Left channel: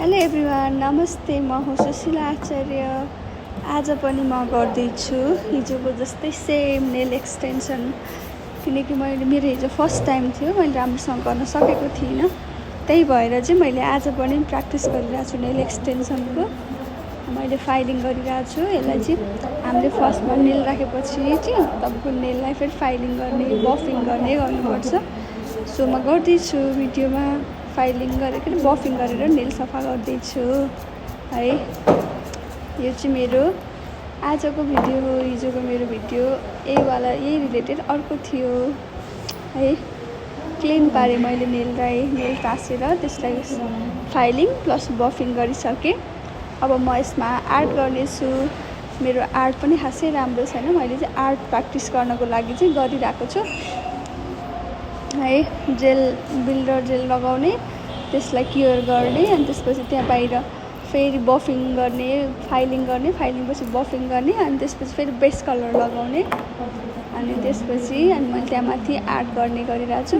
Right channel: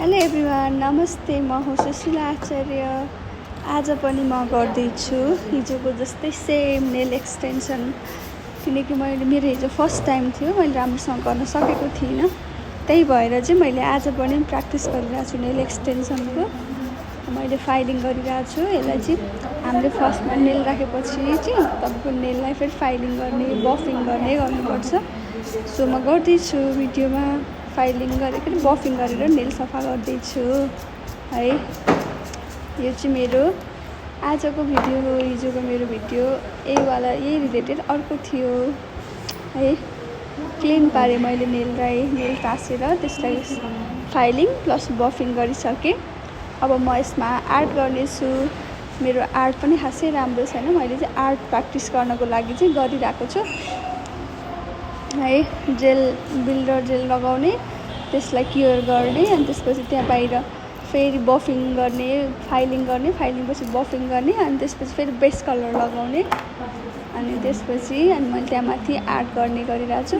Hello everyone, नमस्ते। म हो सुशीला आचार्य। आज पनि म गर्दैछु हिजोको जस्तै सेम नेल एक्सटेन्सन, किनकि मेरो हिजो फर्स्ट टाइम थियो, मैले राम्रोसँग गर्न सकेको थिइनँ। त्यही भएर चाहिँ मैले आज पनि प्र्याक्टिस गरिरहेको छु नेल एक्सटेन्सनको। मैले फाइलिङ गरिरहेको छु। यसलाई चाहिँ हामीले फर्स्टमा नेल राखेपछि चाहिँ तपाईँको नेललाई फेरि फाइलिङ गर्ने, बफिङ गर्ने गर्नुपर्छ। सो म गर्दैछु भिडियोमा फाइलिङ गरेर बफिङ गरेर नेल सफा गर्दैछु है। यो चाहिँ मेरो आजको भिडियो हो। हिजोको मेरो भिडियो यही रिलेटेड अर्को थियो है। क्लिन पारेँ मैले नेललाई, नेल टाँसेर त्यसलाई फाइलिङ प्लस बफिङ गरिसकेँ। अब म यसमा आर्ट गर्नेछु। मेरो आर्ट पनि खासै राम्रो छैन। मैले चाहिँ आर्ट प्र्याक्टिस गर्नको लागि चाहिँ गरिरहेको छु है। बिल्डर जेल लगाउने, त्यसलाई क्योर गर्ने, अनि त्यसपछि त्यहाँ बाहिर फेरि बफिङ गर्ने, फाइलिङ गर्ने, फाइलिङपछि बफिङ गर्ने, अनि त्यसपछि फेरि बेस कलर लगाउने, अनि त्यसपछि मैले त्यहाँ माथि आर्ट गर्ने गरिरहेको छु।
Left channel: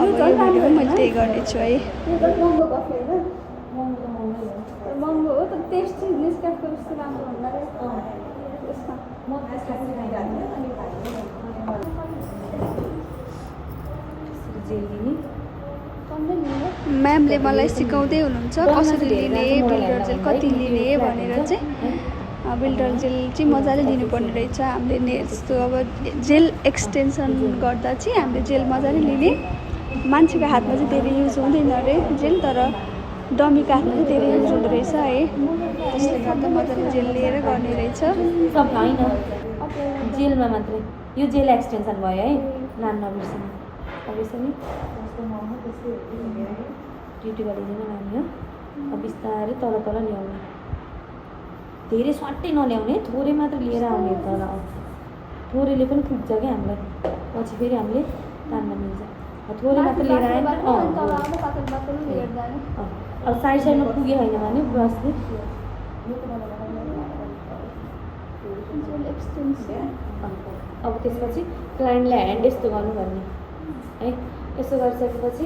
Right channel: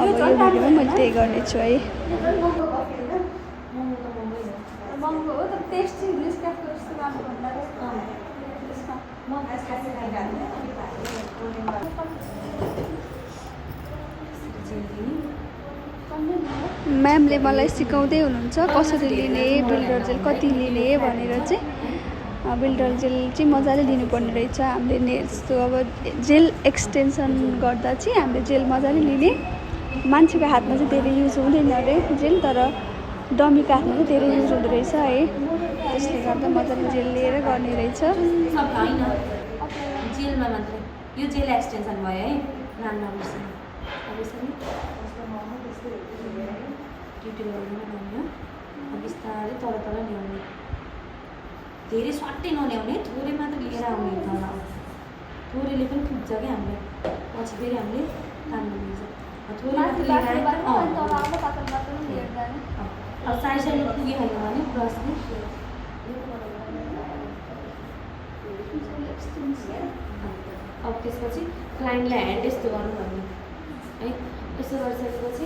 अब यो भिडियोमा मैले त्यही गर्नेछु है। महँगो हो तर टेस्ट चाहिँ नेस्क्याफेको जस्तो राम्रो हुँदैन। म्यामले मलाई सिकाउँदै हुनुहुन्छ कसरी लिने, बिल्डर जेल कति लिने भनेर चाहिँ। बिल्डर जेल चाहिँ मजाले लिनुपर्ने रहेछ हामीले नेल्सको। अब जेल एक्सटेन्सन गर्दा चाहिँ हामीले जेल मजाले लिने। मान्छेको हातमा चाहिँ धेरै युज हुँदैन अरे जेल, तर डमीको हातमा चाहिँ धेरै युज हुँदो रहेछ है। त्यसले गर्दा मजाले जेल लिएर गर्ने रहेछ। जेलमा मात्रै यो जेल एक्सटेन्सन भयो है, नाम नबिर्सनु। ड्युटी गरिदिनु नानी हो। अब बिस्तारै तल ल्याउने, धेरै स्वाटै नल्याउने, थोरै मात्र लिएर आउने तल। थोरैले पनि पुग्छ क्या हामीलाई, पछि फेरि हामीले काममा मिल्छ। थोरै मात्र लिएर अब साइडमा पुगे होइन भने ब्रसले अब त्यसपछि क्लाइन्टलाई ह्यान्ड यस्तो गर्नु भन्ने है। यसो गरिसकेपछि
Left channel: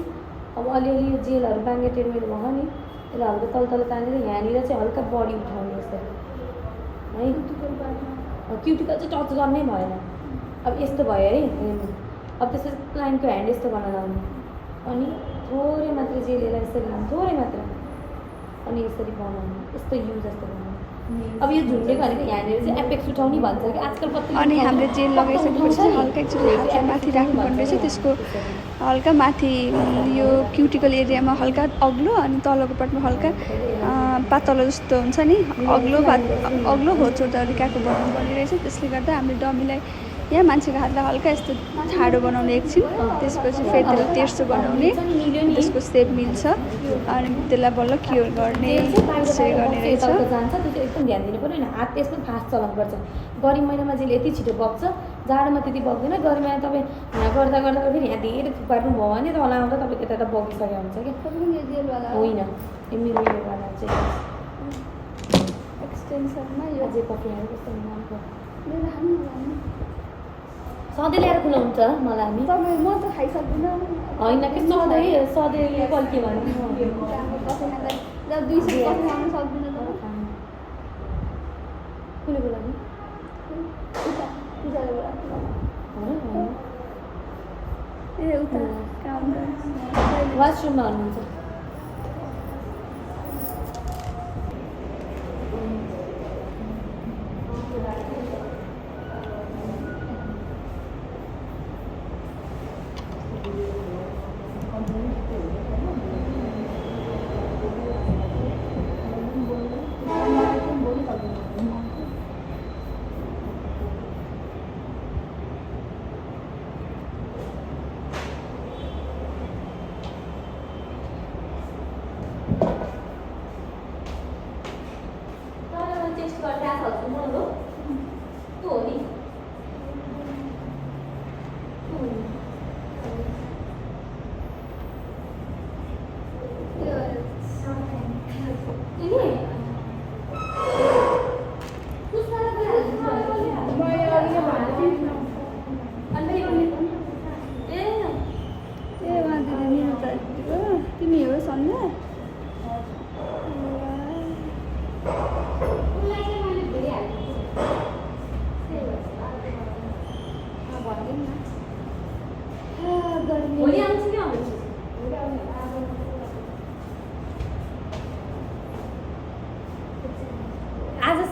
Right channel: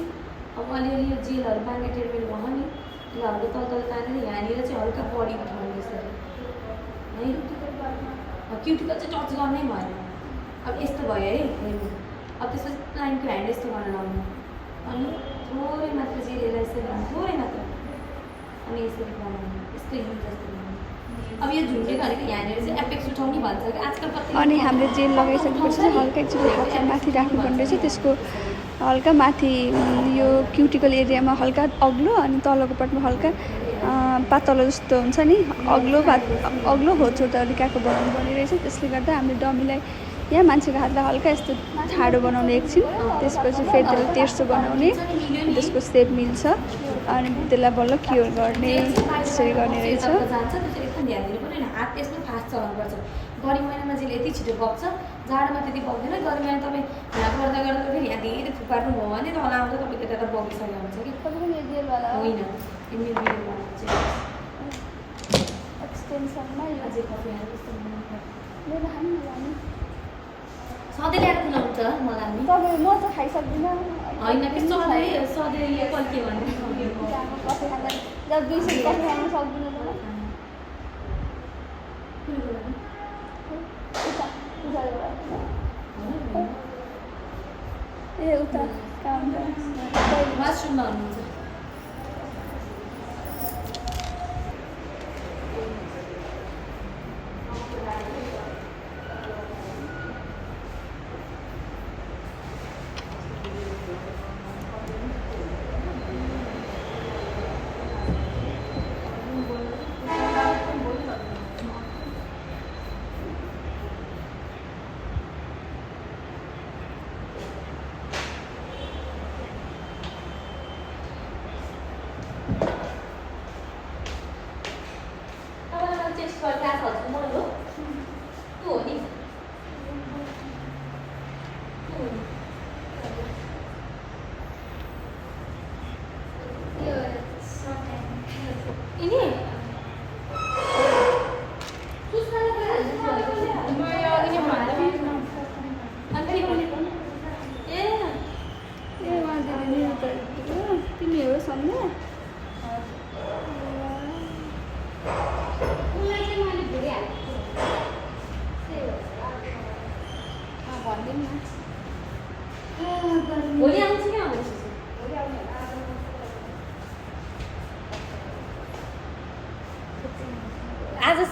अब अलिअलि यो जेलहरू बाङ्गे टेडमेड भयो नि, यसलाई हल्का तल तानेर यहाँनिर चाहिँ हल्का बडी उठाउने यसरी है। क्युटिकल चाहिँ टच गर्नै भएन। अब यस्तो भयो है हेर्नु। अब त्यसपछि क्लाइन्टको ह्यान्ड यस्तो गर्न लाउनु, अनि थोरै मात्र जेललाई यसरी लाउनु, थोरै मात्र, अनि यसरी बनाउनु, यस्तो हिल जस्तो बनाउनु। अब यो झुन्डेको भनेको यहाँनिर चाहिँ एपेक्स उठाउनु भन्छ कि आजकल कति। अनि हामीले जेल लगाइसकेपछि चाहिँ हल्का एकचोटि हातलाई माथि राख्नुपर्ने रहेछ। त्यसको हल्का माथि यो क्युटिकल एरियामा हल्का अग्लो, अनि तलको पार्टमा हल्का पातलो जस्तो हुन्छ नि, अग्लो होचो तरिकाको बनाउनु पर्ने रहेछ। त्यसले गर्दा हामीले डमीलाई या मान्छेको हातलाई हल्का यस्तो ठाडो बनाउने एकछिन, त्यसपछि फेरि त्यसलाई तेर्सो बनाउने, त्यसको सेप मिल्छ, अनि त्यसलाई बल्ल क्योर गर्ने, त्यसरी गर्ने रहेछ। जान्छ त्यो एकदम ध्यान दिनु पर्ने। हात यसमा फास्ट चलाउनुपर्छ। गर्मी महिनामा चाहिँ यति छिटो बग्छ, जाडोमा त्यति बग्दैन। गर्मी महिना तपाईँ यहाँ गर्दा फेरि यहाँ धेरै थुपार्नु भयो भने तल आउँदा तपाईँको त्यता बगिसकेको हुन्छ क्या। तपाईँ जेलवाला होइन, यो मेरोवाला चाहिँ एक्सटेन्सनमा यो अझै कफी हालेर कस्तो मेरो खानु सधैँ ल्याएर खुलाउँछ मलाई हामी। तपाईँ म त खाइसक्दिनँ होइन सधैँ पल्के भन्नु त्यहाँको कफी खाँदा जब 200 कफी खानु सक्दिनँ तपाईँ। कुनेको लागि उता ए उता वासरुममा हुनुहुन्छ।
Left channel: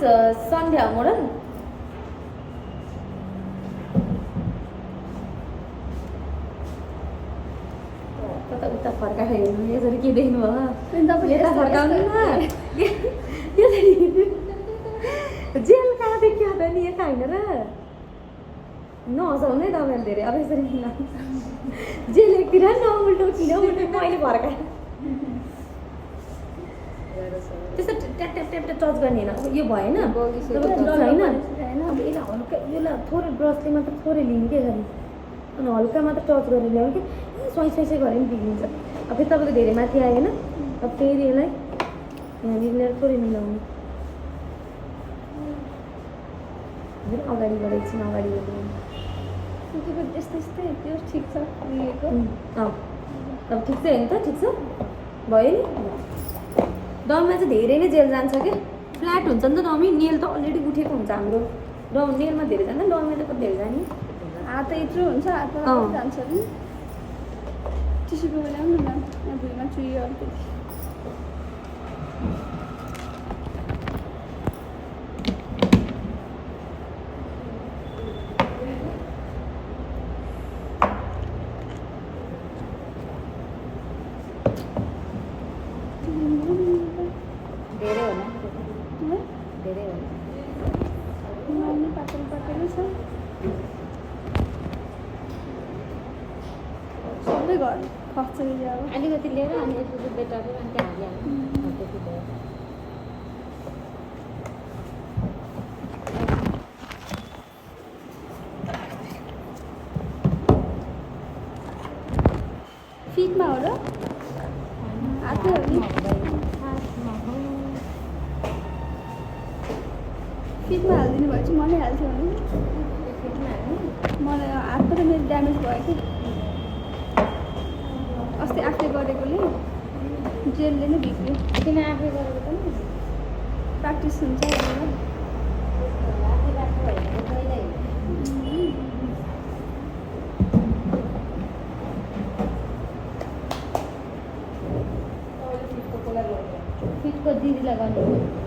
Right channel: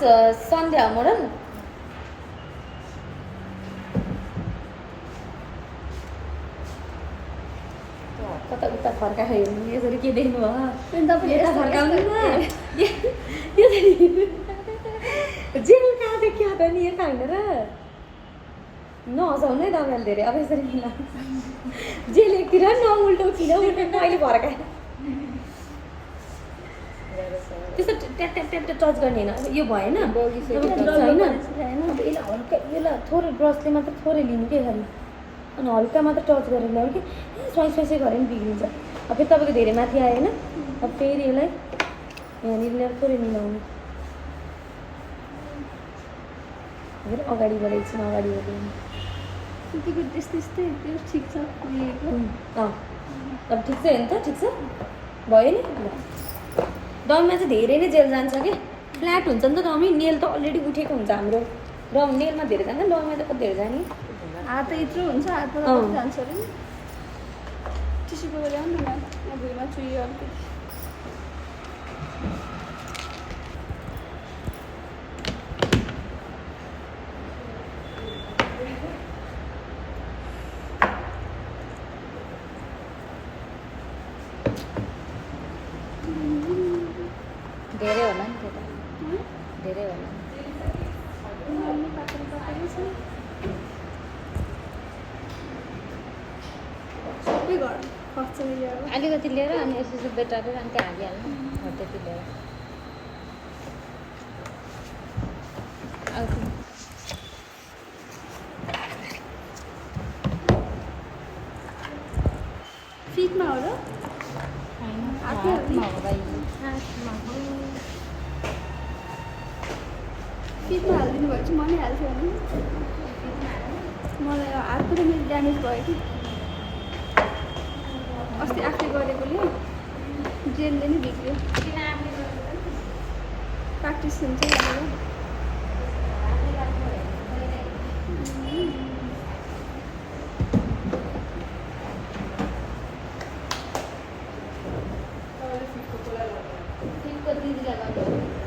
सन्ध्या मोडल कता उता फर्काएर हेर्नु यसरी के देख्नु भयो अनि तपाईँले यता यस्तो फर्काउनु जेल कहाँ देखियो त नि यता होइन र नहसाउनु है तपाईँले धेरै अब यसरी जेल एकतिर नउल्टोतिर मैले फर्काएँ त्यस्तो ट्याप ट्याप ट्याप टच गर्ने होइन अब यो भएन अब यसलाई हल्का यसलाई थोरै ब्रसले मात्र थोरै लिनु के खालि अनि हल्का मात्र टच गरेर ल्याउनु कि स्वाइस स्वाइसै गऱ्यो भने बिग्रिन्छ अब फेरि तपाईँको धेरै माथि आएन अब फेरि यसलाई यहाँनिर ल्याएर थोरै मिलाउने फेरि अगाडिबाट एकछिन अगाडिबाट त्यतिको त्यस्तै त्यो ठिक छ लिएको अब ठिक छ होइन त ठिक छ भयो नि डममा चाहिँ धेरै नै जेल जान्छ कि फ्ल्याट हुन्छ नि त डमी नेल त अलरेडी उठेको हुन्छ हाम्रो डम नेलमा धेरै जान्छ डममा त कति धेरै जाने हात यत्रो हुन्छ हातबाट कति जान्छ अरे नि टिस्यु पेपर ल्याउनु न यहाँ भुइँमा चुइयो अलिकति धेरै होला धेरै होला नानी पातल पातलै छ सबै घर खर्च एरिया अब अलिकति लिएर अनि यसो बेटारेर अनि त्यहाँ हालिहाल्नु त्यति लिएर फिटमा हो र हातमै हो नि फिटमा हालिदिनु भयो चाहिँ मनै हाल्थ्यो भने मलाई हातको त मेरो ड्यामेज भयो कि अस्ति आफूले गरेकोले जेलले नै बिग्रियो किन आफै गरेको प्र्याक्टिस हुन्छ भनेर दिदीलाई गर्नु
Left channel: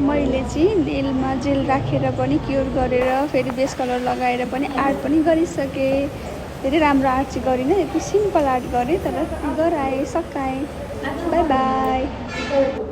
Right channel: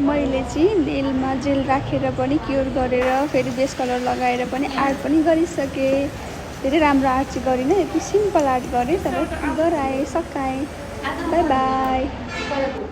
मैले चाहिँ नेलमा जेल राखेर पनि क्योर गरेर फेरि बेस कलर लगाएर पनि आर्ट पनि गरिसकेँ धेरै राम्रो आर्ट चाहिँ गरिनँ यति सिम्पल आर्ट गरेँ तर गराएँ सकाएँ बाई बाई